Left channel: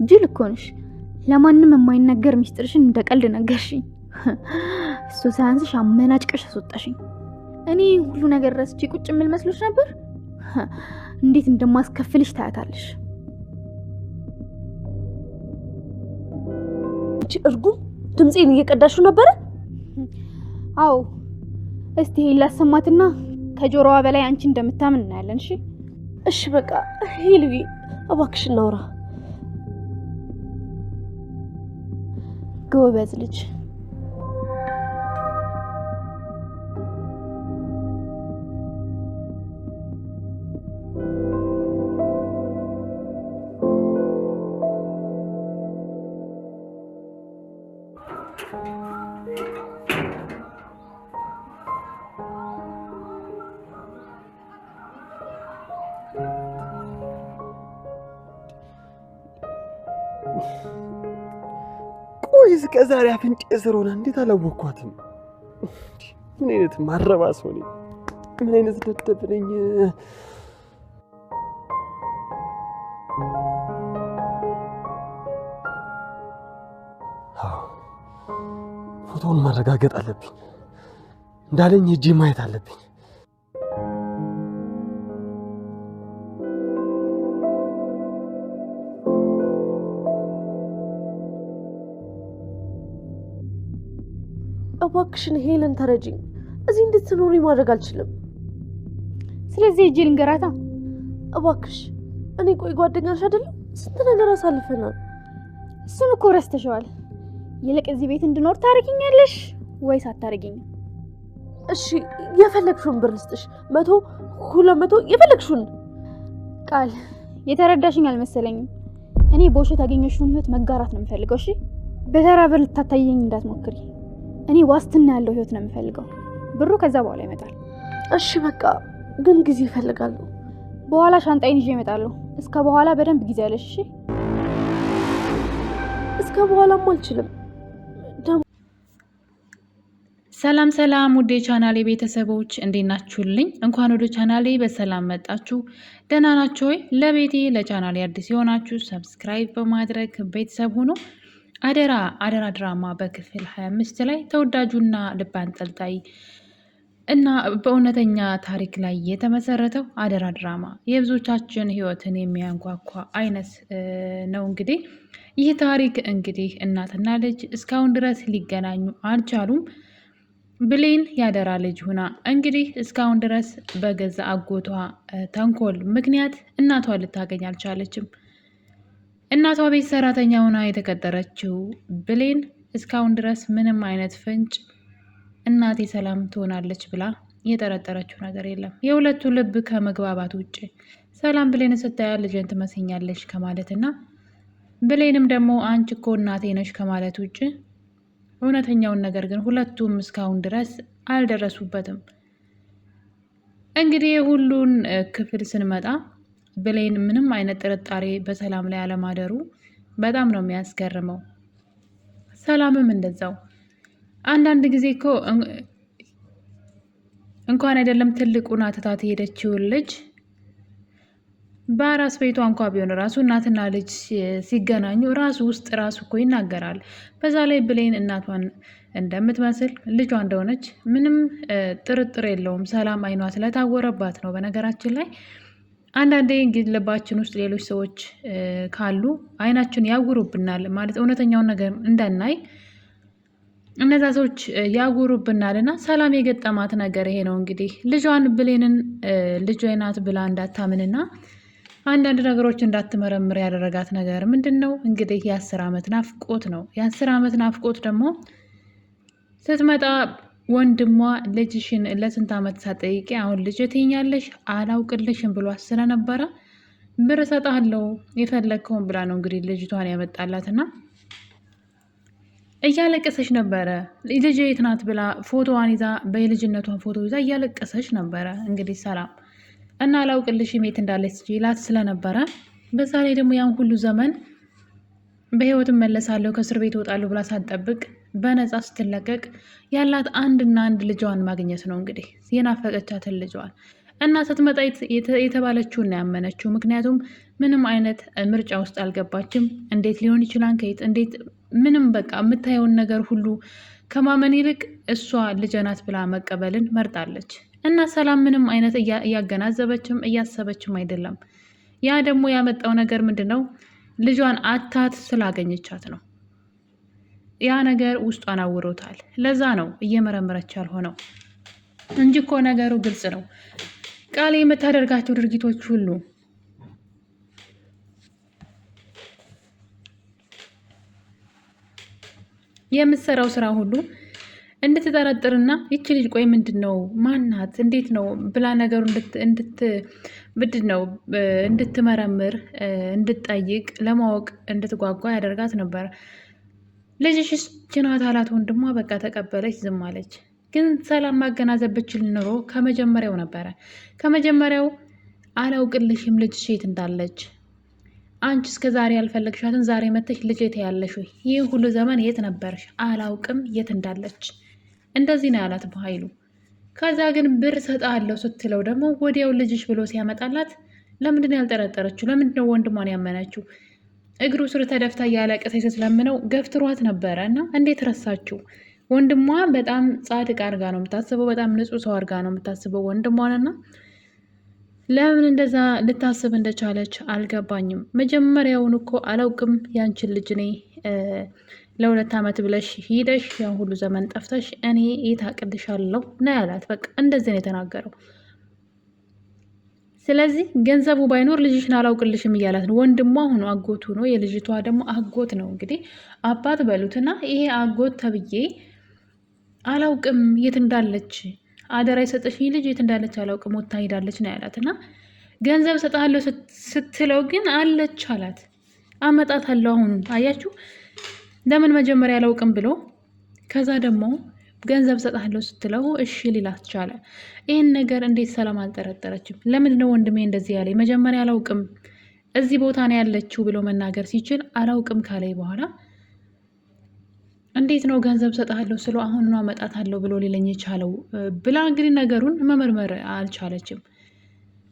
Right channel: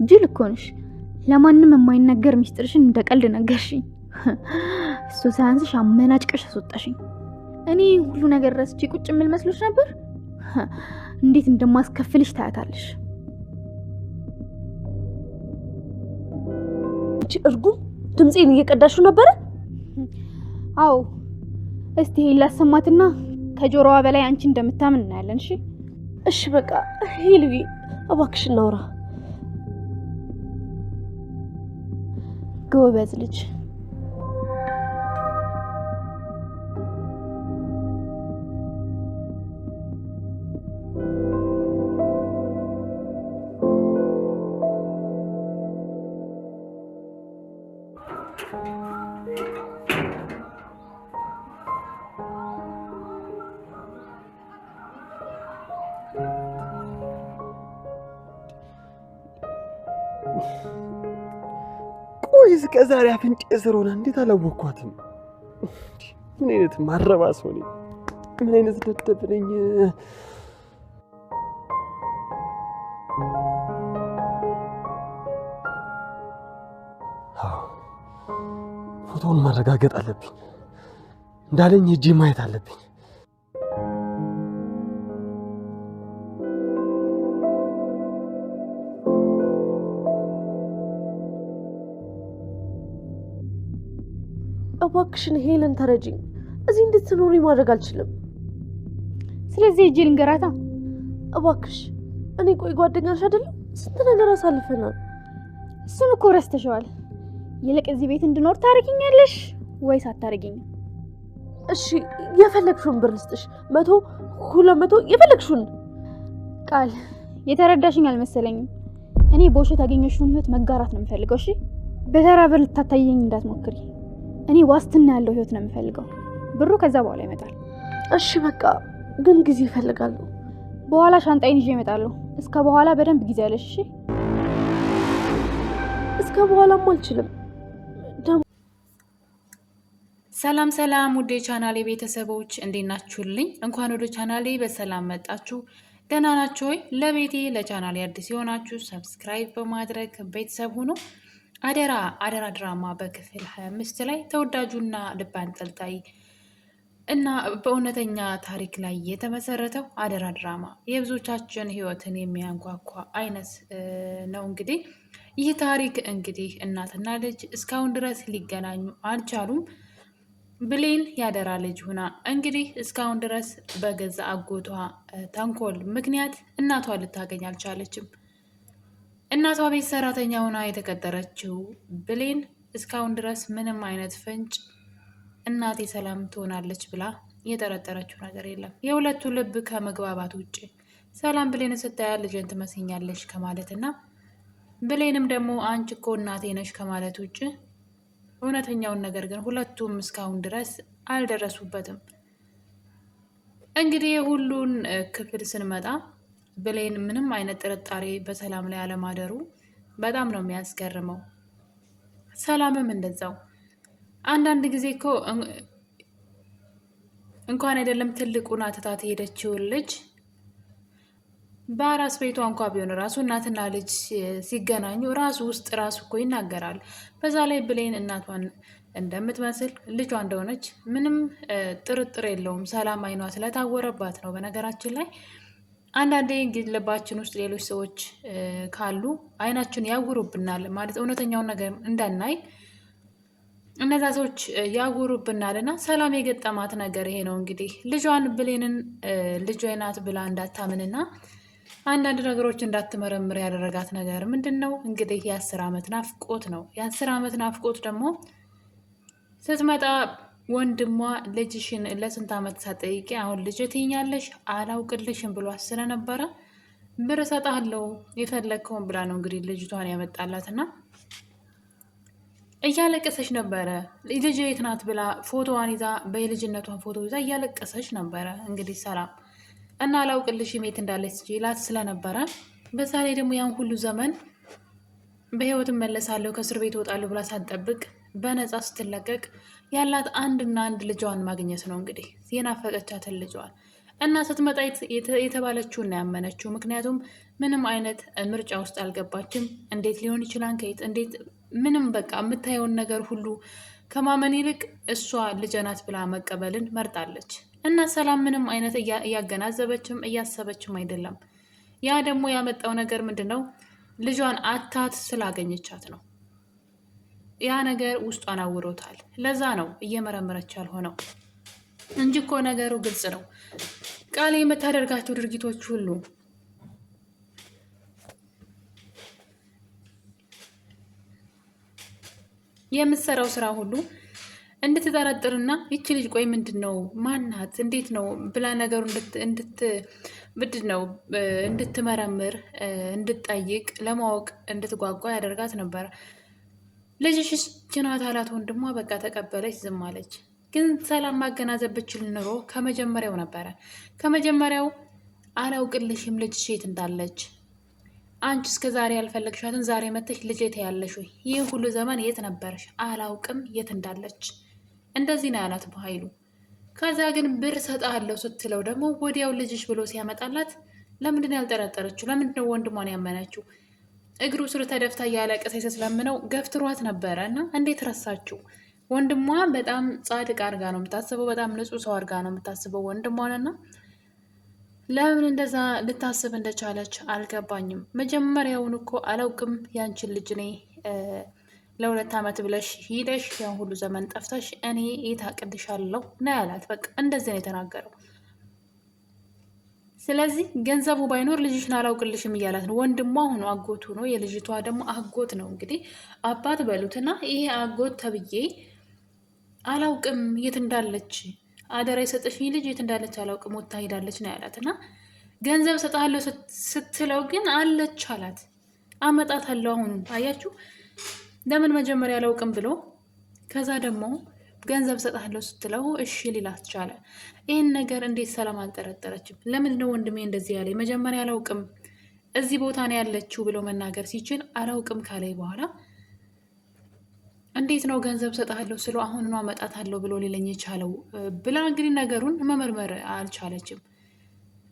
ጅል እኮ ነሽ። ለማንም የማይነገር ሚስጥርሽን እንደ ቀልድ ነገርሽኝ። እሱ ሳያንስሽ አመናጭቀሽ አስወጣሽኝ። እኔ ሁሉ ነገር ረስቼ ቁጭ የምል መስሎሽ ነበር? እንዴት እንደማስከፍልሽ ታያታለሽ። እርጉም ድምጼን እየቀዳሽው ነበር? አዎ። እስቲ ላሰማትና ከጆሮዋ በላይ አንቺ እንደምታምን እናያለን። እሺ እሺ፣ በቃ ሄሉዬ እባክሽ እናውራ። ጎበዝ ልጅ። ቆይ እስከ ዛሬ አፍንጬ ስር ሆና እንዴት አላወኳትም? ምን አይነት ማረባ ሰው ነኝ? ምን አይነት ደደብ ነኝ? ፎቶውን ማረጋገጥ አለብኝ። እንዳለኝ ሂጂ ማየት አለብኝ። እባክሽን ሄለን ተረጂኝ። እዚህ እንድትኖሪ ማድረግ አልችልም። ስለዚህ እጄ ልንገራታ። እባክሽ እኔ ቆይ ጓደኛሽ አይደለም? ስንት ነገር አሳልፈናል። እሱን እኮ ረስተሽዋል። ይልቅ እዚህ ቤት እንድኖር ታርጊኛለሽ ወይስ አታርጊኝ? እሺ የፈለግሽውን ብር ልስጥሽ፣ 100 200 የፈለግሽውን። ቃል የተረዳሽኝ አልመሰለኝም። እኔ በውሸት ያገኘሽውን ህይወት መጋራት ነው የምፈልገው። እሺ በተራ ብር ልታታየኝ እንዳትሞክሪ። እኔ ዋስትና ያለው ህይወት ነው የምፈልገው። ብሩ ከዛ በኋላ ይመጣል። እሺ በቃ ግን ጊዜ ይፈልጋል። በኋላ ሻንጣዬን ይዤ እመጣለሁ። እስከ በኋላ በደንብ ጊዜ ያለሽ። እሺ እስከ በኋላም አልችልም። ሰላም ሰላም፣ ውዴ ቻናሌ ቤተሰቦች እንዴት ናችሁልኝ? እንኳን ወደ ቻናሌ በሰላም መጣችሁ። ደህና ናችሁ ወይ? ለቤቴ ለቻናሌ አዲስ የሆናችሁ ሰብስክራይብ በማድረግ ቤተሰብ ሁኑ። አደራ አደራ ድራማ በክፍል 25 ላይ ተወዳጁና ልብ አንጠልጣይ እና በእውነተኛ ታሪክ ላይ የተመሰረተው አደራ ድራማ የብዙዎቻችን ህይወትን የሚያንኳኳ አይነት ነው። እንግዲህ ይህ ታሪክ እንግዲህ እናትና ልጅ እስካሁን ድረስ ሊገናኙ አልቻሉም። ብሌን ያደራ ልጅ ሁና እንግዲህ እስካሁን ድረስ በገዛ አጎቷ ተንኮል ምክንያት እናቷ ልታገኝ አልቻለችም። እናቷ ቤት ሰራተኛ ሆና የተቀጠረችው ብሌን እስካሁን ድረስ ምንም አይነት ፍንጭ እናቴ ሰላም ትሆናለች ብላ የጠረጠረችው ነገር የለም። የሁለቱ ልብ ከመግባባት ውጭ ሰላም ብሌን ስታያ ልጅን ትመስኛለች ከማለትና ብሌንም ደግሞ አንቺ እኮ እናቴ ነሽ ከማለት ውጭ እውነተኛውን ነገር ግን ሁለቱም እስካሁን ድረስ አልደረሱበትም። እንግዲህ ሁሉን ክፍል ስንመጣ ብሌን ምንም አይነት ጥርጣሬ በሰላም ላይ አለማደሩ በጣም ነው የሚያስገርመው። ሰላምም እንደዛው። አንዳንድ ጊዜ እኮ እንኳን አይደለም ትልቁን አትታት ሄደችውን ልጅ በአራስ ቤቷ እንኳ ቢሆን ራሱ እናትና ልጅ ሲገናኙ ራሱ ውስጥ ራሱ እኮ ይናገራል። በዛ ላይ ብሌን እናቷን እንደምትመስል ልጇ እንደሆነች ምንም ጥርጥር የለውም። ሰላም አይኗ ስለታወረባት ነው። በነገራችን ላይ አንዳንዴ ልባችን ውስጥ ሌሎች ሰዎች ካሉ አይናችን ያውሩብናል፣ ማለት እውነተኛውን ነገር እንዳናይ እነዛ ሰዎች ያውሩብናል። እና ሰላም የገጠማት ነገር ይሄ ነው። እንግዲህ ልጇን ብሌንን ልጇ ናት ብላ እንዳታምንና አንዳንድ ነገሮች እንዳትመረምር ያደረጋት ነገር ምንድን ነው? እንግዲህ የ10 ዓመት ናፍቆት ነው። የ10 ዓመት ናፍቆት ደግሞ ስትመጣ ወንድሟ ልጅሽን ለስንት ዓመት ሳትጠይቂ አሁን ልጅ ትይኛለሽ አላውቅልሽም ብሏት ስለነበረ ብር እሰጥሃለሁ የፈለግከውን ብላ ነው እንግዲህ ልጅቷን ያመጣላትና እያለቀሰች ነበረ። ልጅ የት ናት ብላ ፎቶዋን ይዛ በልጅነቷን ፎቶ ይዛ እያለቀሰች ነበረ እንግዲህ ሰላም እና አላውቅልሽም የት እንዳለች ይላት ስለነበረ በዛ ላይ ደግሞ ያን ሁሉ ዘመን በህይወት እመለሳለሁ ከእስር ቤት እወጣለሁ ብላ ሳትጠብቅ በነፃ ስትለቀቅ ያላት አንድና አንድ ልጇን ማግኘት ነው። እንግዲህ የናፈቀቻትን ልጇን እና ስትመጣ የተባለችውን ነው ያመነችው። ምክንያቱም ምንም አይነት ምርጫ ውስጥ አልገባችም። እንዴት ሊሆን ይችላል ከየት እንዴት ምንም በቃ የምታየውን ነገር ሁሉ ከማመን ይልቅ እሷ ልጄ ናት ብላ መቀበልን መርጣለች። እና ሰላም ምንም አይነት እያገናዘበችም እያሰበችም አይደለም። ያ ደግሞ ያመጣው ነገር ምንድን ነው? ልጇን አታት ስላገኘቻት ነው። ያ ነገር ውስጧን አውሮታል። ለዛ ነው እየመረመረች ያልሆነው እንጂ እኮ ነገሩ ግልጽ ነው። ቃል የምታደርጋቸው ድርጊቶች ሁሉ የምትሰራው ስራ ሁሉ እንድትጠረጥርና ይቺ ልጅ ቆይ ምንድን ነው ማናት እንዴት ነው ብላ ነገሩ ምንድን ነው እንድትመረምር እንድትጠይቅ ለማወቅ እንድትጓጓ ያደርጋት ነበር። ልጅሽስ ጅናት አላት ወንድሟ። በቃ ተቀበለች፣ ዝም አለች። ግን ሰላም ማገናዘብ ብችል ኑሮ ከመጀመሪያው ነበረ። ከመጀመሪያው አላውቅልሽም ልጅሽ የት እንዳለች አንቺ እስከ ዛሬ ያልፈለግሻትን ዛሬ መተሽ ልጅ ያለሽ ወይ? ይህ ሁሉ ዘመን የት ነበርሽ? አላውቅም የት እንዳለች። እንደዚህ ነው ያላት በኃይሉ። ከዛ ግን ብር ሰጣለሁ ስትለው ደግሞ ወዲያው ልጅሽ ብሎ ሲያመጣላት ለምንድን ነው ያልጠረጠረችው? ለምንድን ነው ወንድሟን ያመነችው? እግሩ ስር ተደፍታ እያለቀሰች ስትለምነው ገፍትሯት ነበረ እና እንዴት ረሳችው? ወንድሟ በጣም ጻድቅ አድርጋ ነው የምታስበው። በጣም ንጹሕ ሰው አድርጋ ነው የምታስበው ወንድሟንና ለምን እንደዛ ልታስብ እንደቻለች አልገባኝም። መጀመሪያውን እኮ አላውቅም ያንቺን ልጅ እኔ ለ2 ዓመት ብለሽ ሂደሽ ያን ሁሉ ዘመን ጠፍተሽ እኔ የት አቅልሻለሁ ነው ያላት። በቃ እንደዚህ ነው የተናገረው። ስለዚህ ገንዘቡ ባይኖር ልጅሽን አላውቅልሽም እያላት ነው። ወንድሟ ሆኖ አጎቱ ነው፣ የልጅቷ ደግሞ አጎት ነው። እንግዲህ አባት በሉትና ይሄ አጎት ተብዬ አላውቅም የት እንዳለች አደራ የሰጠሽኝ ልጅ የት እንዳለች አላውቅም ወታ ሄዳለች ነው ያላት። እና ገንዘብ ሰጣለሁ ስትለው ግን አለች አላት። አመጣታለሁ አሁን አያችሁ፣ ለምን መጀመሪያ አላውቅም ብሎ ከዛ ደግሞ ገንዘብ ሰጣለሁ ስትለው እሺ ሊላት ቻለ። ይህን ነገር እንዴት ሰላም አልጠረጠረችም? ለምንድን ነው ወንድሜ እንደዚህ ያለ? መጀመሪያ አላውቅም እዚህ ቦታ ነው ያለችው ብሎ መናገር ሲችል አላውቅም ካላይ በኋላ እንዴት ነው ገንዘብ ሰጣለሁ ስለው አሁን አመጣታለሁ ብሎ ሊለኝ የቻለው ብላ እንግዲህ ነገሩን መመርመር አልቻለችም።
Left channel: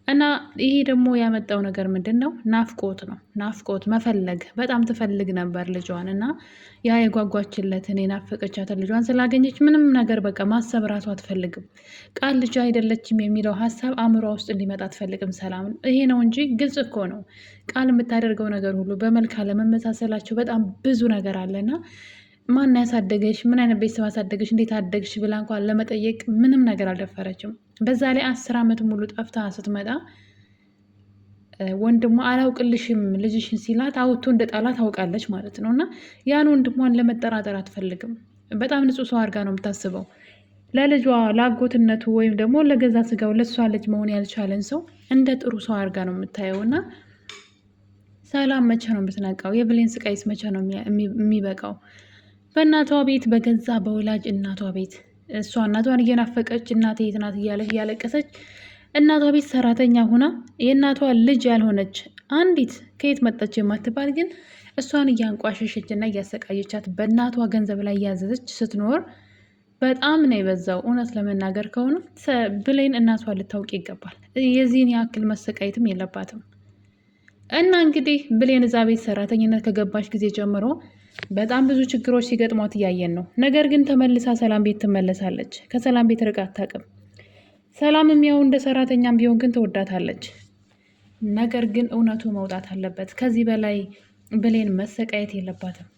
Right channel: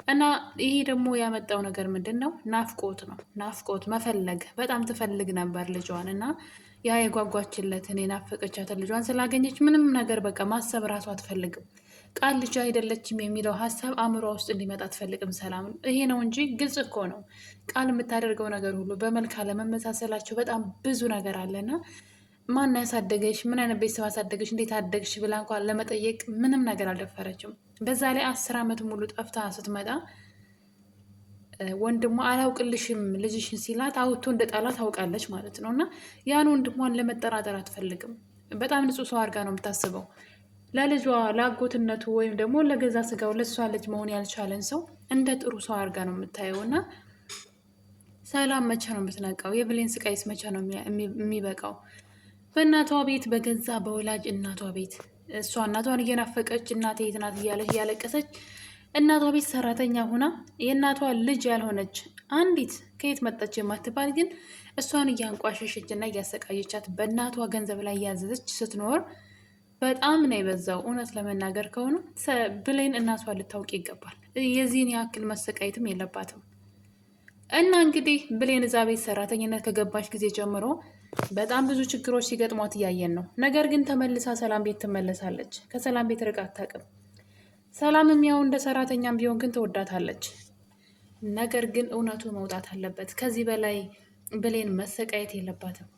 እና ይሄ ደግሞ ያመጣው ነገር ምንድን ነው? ናፍቆት ነው። ናፍቆት መፈለግ። በጣም ትፈልግ ነበር ልጇን እና ያ የጓጓችለትን የናፈቀቻትን ልጇን ስላገኘች ምንም ነገር በቃ ማሰብ ራሷ አትፈልግም። ቃል ልጅ አይደለችም የሚለው ሀሳብ አእምሯ ውስጥ እንዲመጣ አትፈልግም ሰላም። ይሄ ነው እንጂ ግልጽ እኮ ነው። ቃል የምታደርገው ነገር ሁሉ በመልክ አለመመሳሰላቸው በጣም ብዙ ነገር አለና ማን ያሳደገሽ? ምን አይነት ቤተሰብ አሳደገሽ? እንዴት አደግሽ? ብላ እንኳን ለመጠየቅ ምንም ነገር አልደፈረችም። በዛ ላይ 10 ዓመት ሙሉ ጠፍታ ስትመጣ ወንድሟ አላውቅልሽም ልጅሽን ሲላት አውቶ እንደ ጣላት ታውቃለች ማለት ነው። እና ያን ወንድሟን ለመጠራጠር አትፈልግም። በጣም ንጹሕ ሰው አድርጋ ነው የምታስበው። ለልጇ ለአጎትነቱ ወይም ደግሞ ለገዛ ስጋው ለሷ ልጅ መሆን ያልቻለን ሰው እንደ ጥሩ ሰው አድርጋ ነው የምታየው። እና ሰላም መቼ ነው የምትነቃው? የብሌን ስቃይስ መቼ ነው የሚበቃው? በእናቷ ቤት በገዛ በወላጅ እናቷ ቤት እሷ እናቷን እየናፈቀች እናቴ የት ናት እያለች እያለቀሰች እናቷ ቤት ሰራተኛ ሁና የእናቷ ልጅ ያልሆነች አንዲት ከየት መጣች የማትባል ግን እሷን እያንቋሸሸች እና እያሰቃየቻት በእናቷ ገንዘብ ላይ እያዘዘች ስትኖር በጣም ነው የበዛው። እውነት ለመናገር ከሆነ ብሌን እናቷ ልታውቅ ይገባል። የዚህን ያክል መሰቃየትም የለባትም። እና እንግዲህ ብሌን እዛ ቤት ሰራተኝነት ከገባች ጊዜ ጀምሮ በጣም ብዙ ችግሮች ሲገጥሟት እያየን ነው። ነገር ግን ተመልሳ ሰላም ቤት ትመለሳለች። ከሰላም ቤት ርቃ አታውቅም። ሰላምም ያው እንደ ሰራተኛም ቢሆን ግን ትወዳታለች። ነገር ግን እውነቱ መውጣት አለበት። ከዚህ በላይ ብሌን መሰቃየት የለባትም።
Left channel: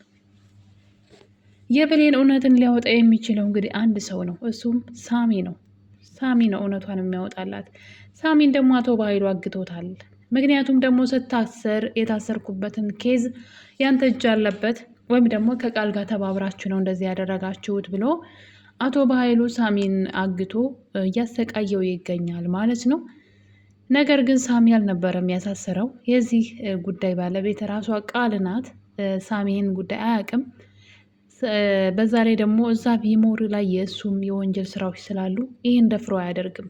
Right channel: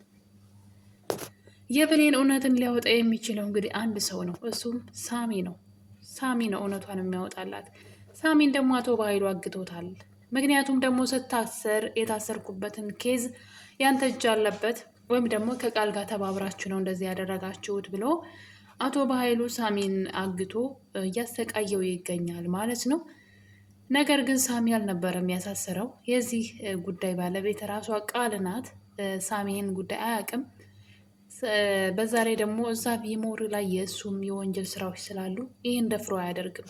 የብሌን እውነትን ሊያወጣ የሚችለው እንግዲህ አንድ ሰው ነው፣ እሱም ሳሚ ነው። ሳሚ ነው እውነቷን የሚያወጣላት። ሳሚን ደግሞ አቶ በኃይሉ አግቶታል። ምክንያቱም ደግሞ ስታሰር የታሰርኩበትን ኬዝ ያንተ እጅ አለበት ወይም ደግሞ ከቃል ጋር ተባብራችሁ ነው እንደዚህ ያደረጋችሁት ብሎ አቶ በኃይሉ ሳሚን አግቶ እያሰቃየው ይገኛል ማለት ነው። ነገር ግን ሳሚ አልነበረም ያሳሰረው። የዚህ ጉዳይ ባለቤት ራሷ ቃል ናት። ሳሚን ጉዳይ አያውቅም። በዛ ላይ ደግሞ እዛ ቢሞር ላይ የእሱም የወንጀል ስራዎች ስላሉ ይህን ደፍሮ አያደርግም።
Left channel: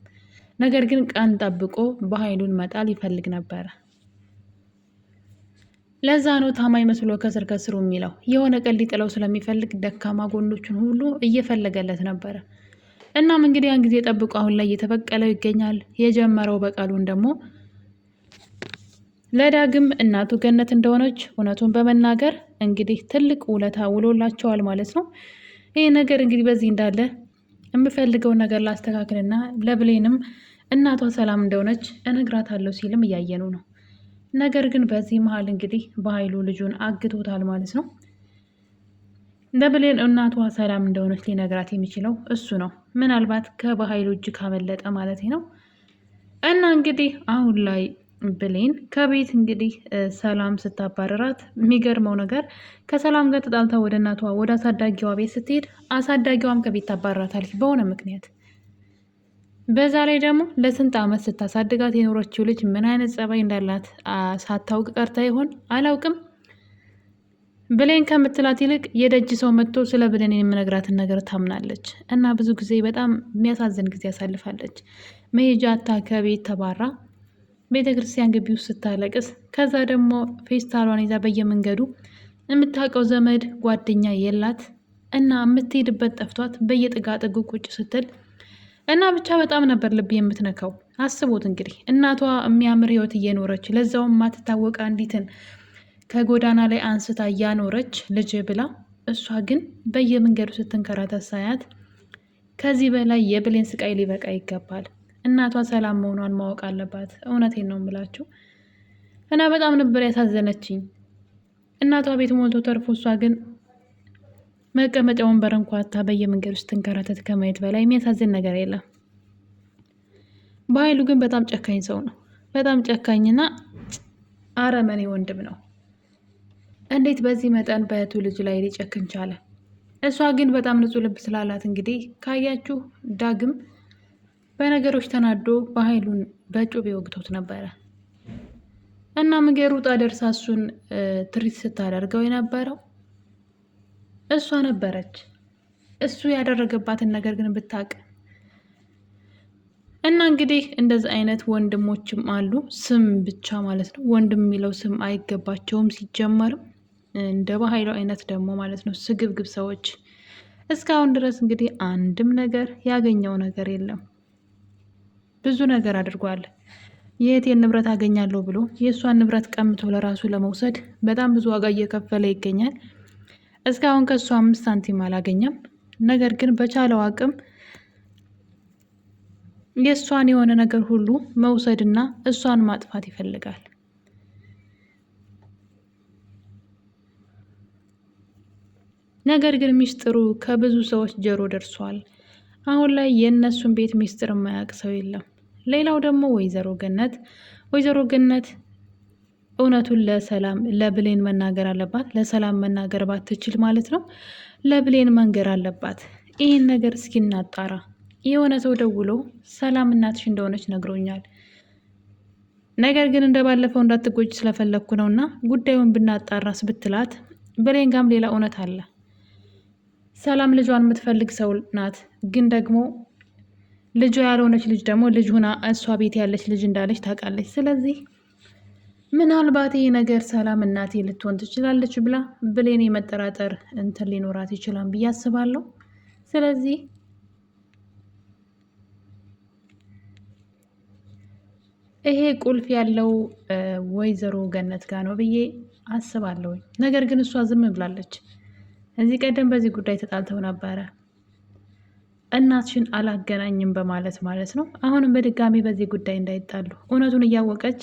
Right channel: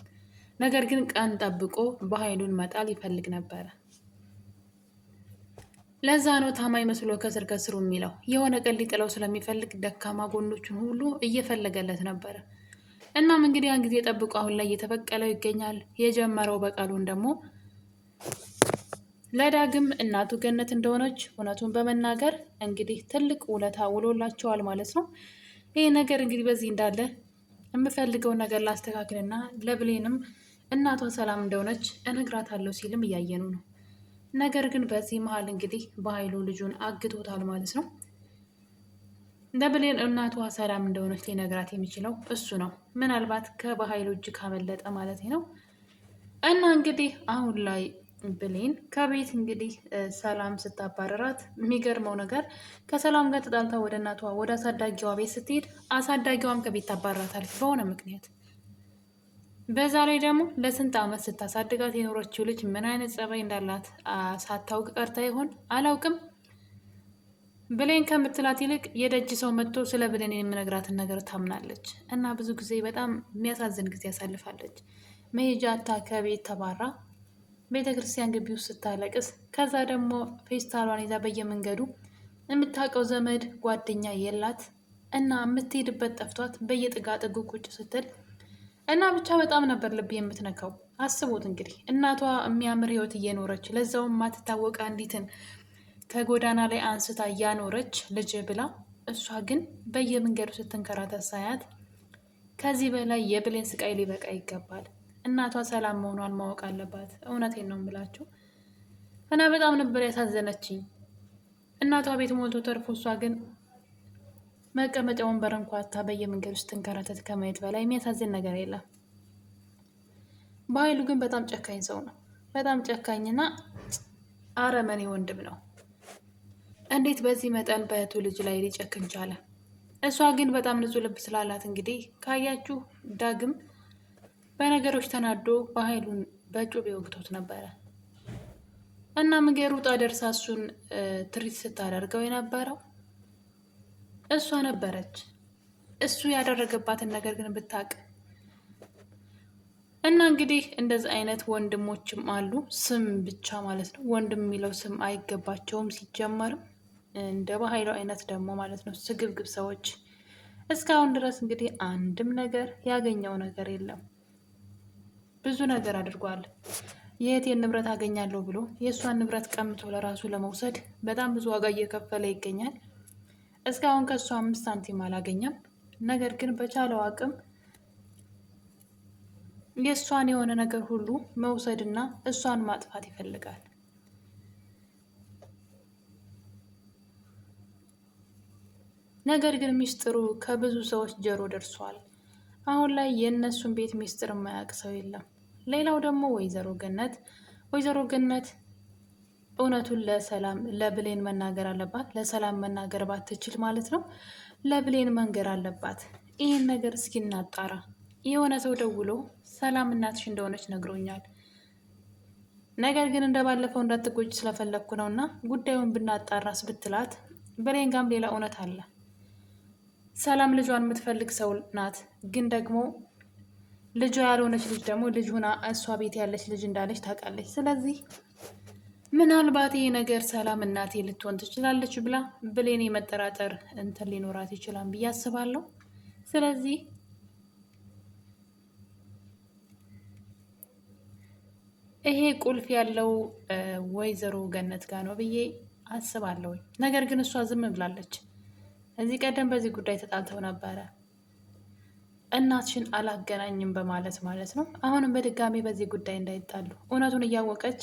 ነገር ግን ቀን ጠብቆ በኃይሉን መጣል ይፈልግ ነበረ። ለዛ ነው ታማኝ መስሎ ከስር ከስሩ የሚለው። የሆነ ቀን ሊጥለው ስለሚፈልግ ደካማ ጎኖቹን ሁሉ እየፈለገለት ነበረ። እናም እንግዲህ ያን ጊዜ ጠብቆ አሁን ላይ እየተበቀለው ይገኛል። የጀመረው በቀሉን ደግሞ ለዳግም እናቱ ገነት እንደሆነች እውነቱን በመናገር እንግዲህ ትልቅ ውለታ ውሎላቸዋል ማለት ነው። ይህ ነገር እንግዲህ በዚህ እንዳለ የምፈልገውን ነገር ላስተካክልና ለብሌንም እናቷ ሰላም እንደሆነች እነግራታለሁ ሲልም እያየኑ ነው። ነገር ግን በዚህ መሀል እንግዲህ በኃይሉ ልጁን አግቶታል ማለት ነው። ለብሌን እናቷ ሰላም እንደሆነች ሊነግራት የሚችለው እሱ ነው። ምናልባት ከበኃይሉ እጅ ካመለጠ ማለት ነው። እና እንግዲህ አሁን ላይ ብሌን ከቤት እንግዲህ ሰላም ስታባረራት የሚገርመው ነገር ከሰላም ጋር ተጣልታ ወደ እናቷ ወደ አሳዳጊዋ ቤት ስትሄድ አሳዳጊዋም ከቤት ታባራታለች በሆነ ምክንያት። በዛ ላይ ደግሞ ለስንት ዓመት ስታሳድጋት የኖረችው ልጅ ምን አይነት ጸባይ እንዳላት ሳታውቅ ቀርታ ይሆን አላውቅም። ብሌን ከምትላት ይልቅ የደጅ ሰው መጥቶ ስለ ብሌን የምነግራትን ነገር ታምናለች። እና ብዙ ጊዜ በጣም የሚያሳዝን ጊዜ ያሳልፋለች። መሄጃ አታ ከቤት ተባራ ቤተ ክርስቲያን ግቢ ውስጥ ስታለቅስ፣ ከዛ ደግሞ ፌስታሏን ይዛ በየመንገዱ የምታውቀው ዘመድ ጓደኛ የላት እና የምትሄድበት ጠፍቷት በየጥጋጥጉ ቁጭ ስትል እና ብቻ በጣም ነበር ልብ የምትነካው። አስቡት እንግዲህ እናቷ የሚያምር ህይወት እየኖረች ለዛውም ማትታወቅ አንዲትን ከጎዳና ላይ አንስታ እያኖረች ልጅ ብላ፣ እሷ ግን በየመንገዱ ስትንከራተት ሳያት ከዚህ በላይ የብሌን ስቃይ ሊበቃ ይገባል። እናቷ ሰላም መሆኗን ማወቅ አለባት። እውነቴን ነው የምላችሁ እና በጣም ነበር ያሳዘነችኝ። እናቷ ቤት ሞልቶ ተርፎ እሷ ግን መቀመጫ ወንበር እንኳ አታ በየመንገዱ ስትንከራተት ከማየት በላይ የሚያሳዝን ነገር የለም። በኃይሉ ግን በጣም ጨካኝ ሰው ነው። በጣም ጨካኝና አረመኔ ወንድም ነው። እንዴት በዚህ መጠን በእህቱ ልጅ ላይ ሊጨክን ቻለ? እሷ ግን በጣም ንጹሕ ልብ ስላላት እንግዲህ ካያችሁ ዳግም በነገሮች ተናዶ በኃይሉን በጩቤ ወግቶት ነበረ እና ምገር ውጣ ደርሳ እሱን ትሪት ስታደርገው የነበረው እሷ ነበረች። እሱ ያደረገባትን ነገር ግን ብታውቅ እና እንግዲህ እንደዚህ አይነት ወንድሞችም አሉ። ስም ብቻ ማለት ነው። ወንድም የሚለው ስም አይገባቸውም ሲጀመርም። እንደ በኃይሉ አይነት ደግሞ ማለት ነው ስግብግብ ሰዎች። እስካሁን ድረስ እንግዲህ አንድም ነገር ያገኘው ነገር የለም። ብዙ ነገር አድርጓል። የእህቴን ንብረት አገኛለሁ ብሎ የእሷን ንብረት ቀምቶ ለራሱ ለመውሰድ በጣም ብዙ ዋጋ እየከፈለ ይገኛል። እስካሁን ከእሷ 5 ሳንቲም አላገኘም። ነገር ግን በቻለው አቅም የእሷን የሆነ ነገር ሁሉ መውሰድና እሷን ማጥፋት ይፈልጋል። ነገር ግን ሚስጥሩ ከብዙ ሰዎች ጆሮ ደርሷል። አሁን ላይ የእነሱን ቤት ሚስጥር የማያውቅ ሰው የለም። ሌላው ደግሞ ወይዘሮ ገነት እውነቱን ለብሌን መናገር አለባት። ለሰላም መናገር ባትችል ማለት ነው ለብሌን መንገር አለባት። ይህን ነገር እስኪ እናጣራ። የሆነ ሰው ደውሎ ሰላም እናትሽ እንደሆነች ነግሮኛል፣ ነገር ግን እንደባለፈው እንዳትጎጅ ስለፈለግኩ ነው እና ጉዳዩን ብናጣራስ ብትላት፣ ብሌን ጋም ሌላ እውነት አለ። ሰላም ልጇን የምትፈልግ ሰው ናት፣ ግን ደግሞ ልጇ ያልሆነች ልጅ ደግሞ ልጅ ሁና እሷ ቤት ያለች ልጅ እንዳለች ታውቃለች። ስለዚህ ምናልባት ይሄ ነገር ሰላም እናቴ ልትሆን ትችላለች ብላ ብሌን የመጠራጠር እንትን ሊኖራት ይችላል ብዬ አስባለሁ። ስለዚህ ይሄ ቁልፍ ያለው ወይዘሮ ገነት ጋር ነው ብዬ አስባለሁ። ነገር ግን እሷ ዝም ብላለች። እዚህ ቀደም በዚህ ጉዳይ ተጣልተው ነበረ፣ እናትሽን አላገናኝም በማለት ማለት ነው። አሁንም በድጋሚ በዚህ ጉዳይ እንዳይጣሉ እውነቱን እያወቀች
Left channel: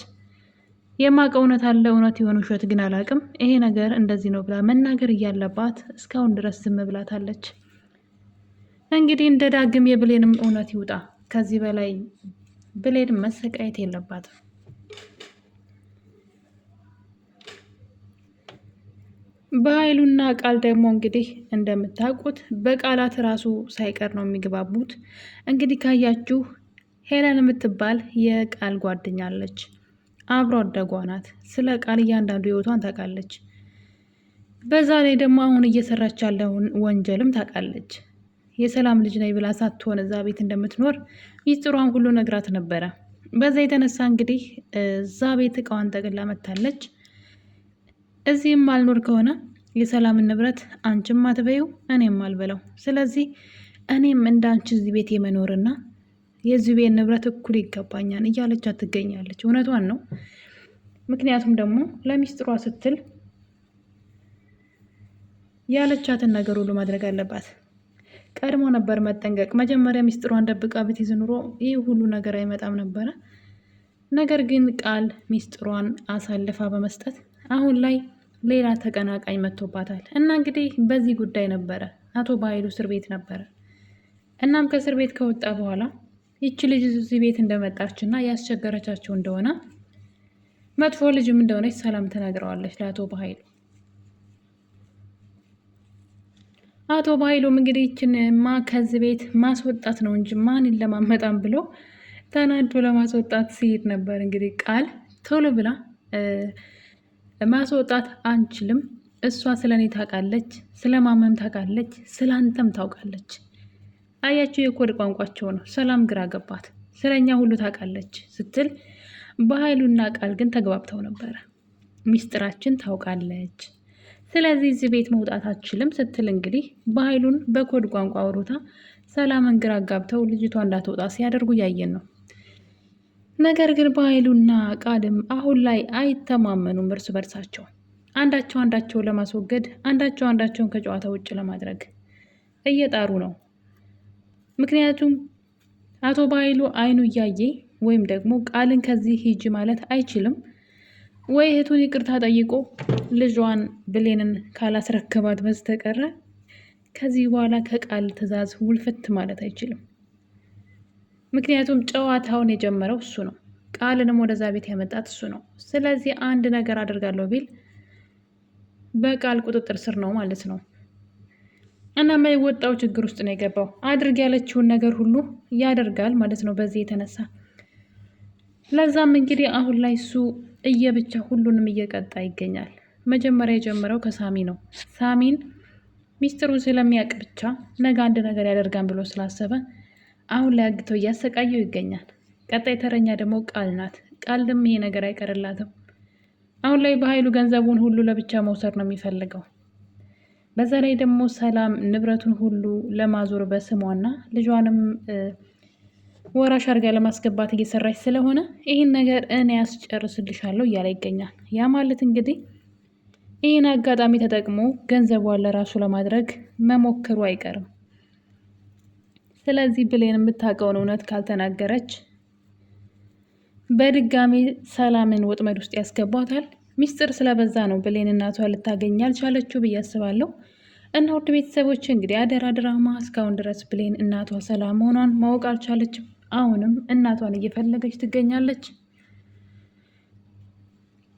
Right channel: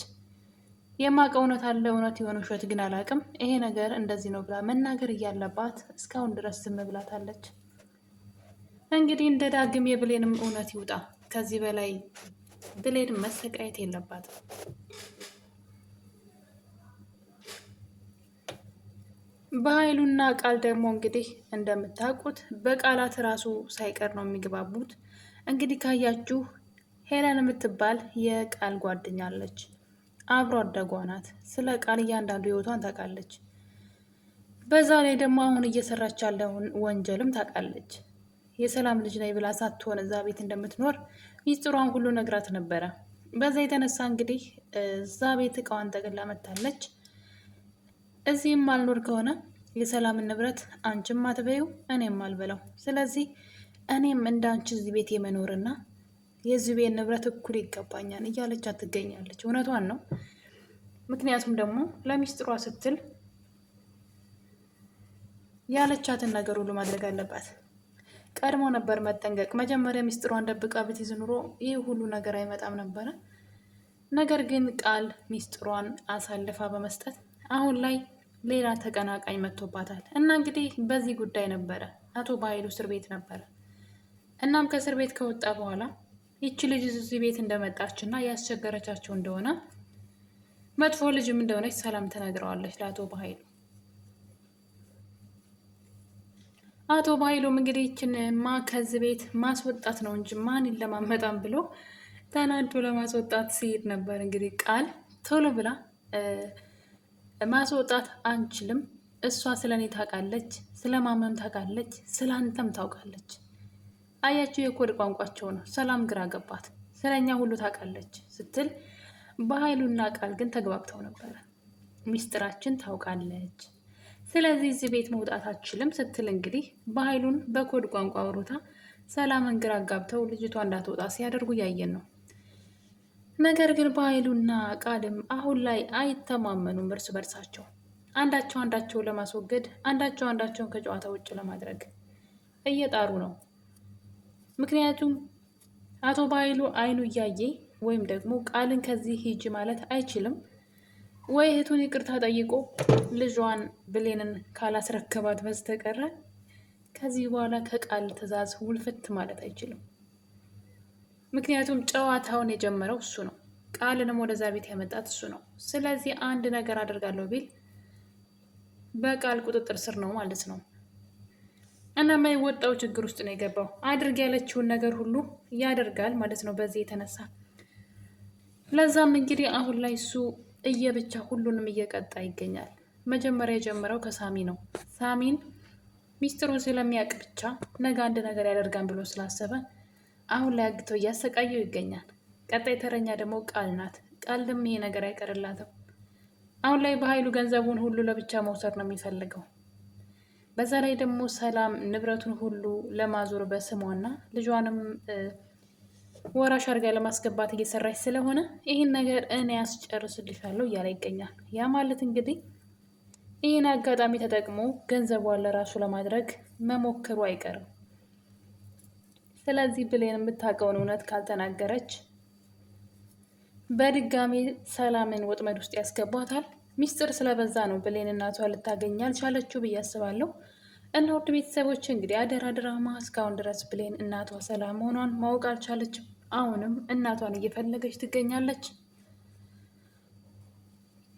የማውቀው እውነት አለ፣ እውነት የሆነ ውሸት ግን አላውቅም፣ ይሄ ነገር እንደዚህ ነው ብላ መናገር እያለባት እስካሁን ድረስ ዝም ብላታለች። እንግዲህ እንደ ዳግም የብሌንም እውነት ይውጣ። ከዚህ በላይ ብሌን መሰቃየት የለባትም። በኃይሉና ቃል ደግሞ እንግዲህ እንደምታውቁት በቃላት ራሱ ሳይቀር ነው የሚግባቡት። እንግዲህ ካያችሁ ሄለን የምትባል የቃል ጓደኛ አለች፣ አብሮ አደጓ ናት። ስለ ቃል እያንዳንዱ ህይወቷን ታውቃለች። በዛ ላይ ደግሞ አሁን እየሰራች ያለውን ወንጀልም ታውቃለች። የሰላም ልጅ ነኝ ብላ ሳትሆን እዛ ቤት እንደምትኖር ሚስጥሯን ሁሉ ነግራት ነበረ። በዛ የተነሳ እንግዲህ እዛ ቤት እቃዋን ጠቅላ መታለች። እዚህም አልኖር ከሆነ የሰላምን ንብረት አንቺም አትበይው እኔም አልበላው። ስለዚህ እኔም እንዳንቺ እዚህ ቤት የመኖርና የዚህ ቤት ንብረት እኩል ይገባኛል እያለቻት ትገኛለች። እውነቷን ነው። ምክንያቱም ደግሞ ለሚስጥሯ ስትል ያለቻትን ነገር ሁሉ ማድረግ አለባት። ቀድሞ ነበር መጠንቀቅ። መጀመሪያ ሚስጥሯን ደብቃ ብትይዝ ኑሮ ይህ ሁሉ ነገር አይመጣም ነበረ። ነገር ግን ቃል ሚስጥሯን አሳልፋ በመስጠት አሁን ላይ ሌላ ተቀናቃኝ መጥቶባታል እና እንግዲህ በዚህ ጉዳይ ነበረ አቶ በኃይሉ እስር ቤት ነበረ። እናም ከእስር ቤት ከወጣ በኋላ ይቺ ልጅ እዚህ ቤት እንደመጣች እና ያስቸገረቻቸው እንደሆነ መጥፎ ልጅም እንደሆነች ሰላም ተናግረዋለች ለአቶ በኃይሉ። አቶ በኃይሉም እንግዲህ ይችንማ ከዚህ ቤት ማስወጣት ነው እንጂ ማን ይለማመጣም ብሎ ተናዶ ለማስወጣት ሲሄድ ነበር። እንግዲህ ቃል ቶሎ ብላ ማስወጣት አንችልም፣ እሷ ስለ እኔ ታውቃለች፣ ስለ ማመም ታውቃለች፣ ስለ አንተም ታውቃለች። አያቸው የኮድ ቋንቋቸው ነው። ሰላም ግራ ገባት። ስለኛ ሁሉ ታውቃለች ስትል በኃይሉና ቃል ግን ተግባብተው ነበረ። ሚስጥራችን ታውቃለች፣ ስለዚህ እዚህ ቤት መውጣት አትችልም ስትል እንግዲህ በኃይሉን በኮድ ቋንቋ አውሩታ ሰላምን ግራ ጋብተው ልጅቷ እንዳትወጣ ሲያደርጉ ያየን ነው። ነገር ግን በኃይሉና ቃልም አሁን ላይ አይተማመኑም እርስ በርሳቸው። አንዳቸው አንዳቸውን ለማስወገድ፣ አንዳቸው አንዳቸውን ከጨዋታ ውጭ ለማድረግ እየጣሩ ነው። ምክንያቱም አቶ በኃይሉ አይኑ እያየ ወይም ደግሞ ቃልን ከዚህ ሂጂ ማለት አይችልም ወይ እህቱን ይቅርታ ጠይቆ ልጇን ብሌንን ካላስረከባት በስተቀረ ከዚህ በኋላ ከቃል ትዕዛዝ ውልፍት ማለት አይችልም። ምክንያቱም ጨዋታውን የጀመረው እሱ ነው። ቃልንም ወደዛ ቤት ያመጣት እሱ ነው። ስለዚህ አንድ ነገር አደርጋለሁ ቢል በቃል ቁጥጥር ስር ነው ማለት ነው። እና የማይወጣው ችግር ውስጥ ነው የገባው። አድርግ ያለችውን ነገር ሁሉ ያደርጋል ማለት ነው በዚህ የተነሳ። ለዛም እንግዲህ አሁን ላይ እሱ እየብቻ ሁሉንም እየቀጣ ይገኛል። መጀመሪያ የጀመረው ከሳሚ ነው። ሳሚን ሚስጥሩን ስለሚያውቅ ብቻ ነገ አንድ ነገር ያደርጋን ብሎ ስላሰበ አሁን ላይ አግቶ እያሰቃየው ይገኛል። ቀጣይ ተረኛ ደግሞ ቃል ናት። ቃል ደግሞ ይሄ ነገር አይቀርላትም። አሁን ላይ በኃይሉ ገንዘቡን ሁሉ ለብቻ መውሰድ ነው የሚፈልገው። በዛ ላይ ደግሞ ሰላም ንብረቱን ሁሉ ለማዞር በስሟና ልጇንም ወራሽ አድርጋ ለማስገባት እየሰራች ስለሆነ ይህን ነገር እኔ ያስጨርስልሻለሁ እያለ ይገኛል። ያ ማለት እንግዲህ ይህን አጋጣሚ ተጠቅሞ ገንዘቧን ለራሱ ለማድረግ መሞከሩ አይቀርም። ስለዚህ ብሌን የምታውቀውን እውነት ካልተናገረች በድጋሚ ሰላምን ወጥመድ ውስጥ ያስገባታል። ሚስጥር ስለበዛ ነው ብሌን እናቷ ልታገኝ ያልቻለችው ብዬ አስባለሁ። እና ውድ ቤተሰቦች እንግዲህ አደራ ድራማ እስካሁን ድረስ ብሌን እናቷ ሰላም መሆኗን ማወቅ አልቻለችም። አሁንም እናቷን እየፈለገች ትገኛለች።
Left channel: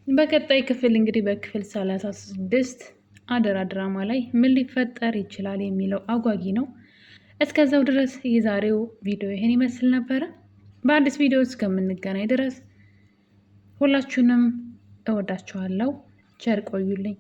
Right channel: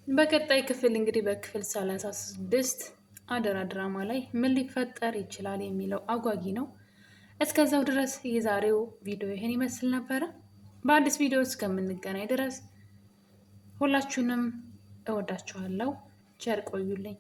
በቀጣይ ክፍል እንግዲህ በክፍል 36 አደራ ድራማ ላይ ምን ሊፈጠር ይችላል የሚለው አጓጊ ነው። እስከዛው ድረስ የዛሬው ቪዲዮ ይህን ይመስል ነበረ። በአዲስ ቪዲዮ እስከምንገናኝ ድረስ ሁላችሁንም እወዳችኋለሁ። ቸር ቆዩልኝ።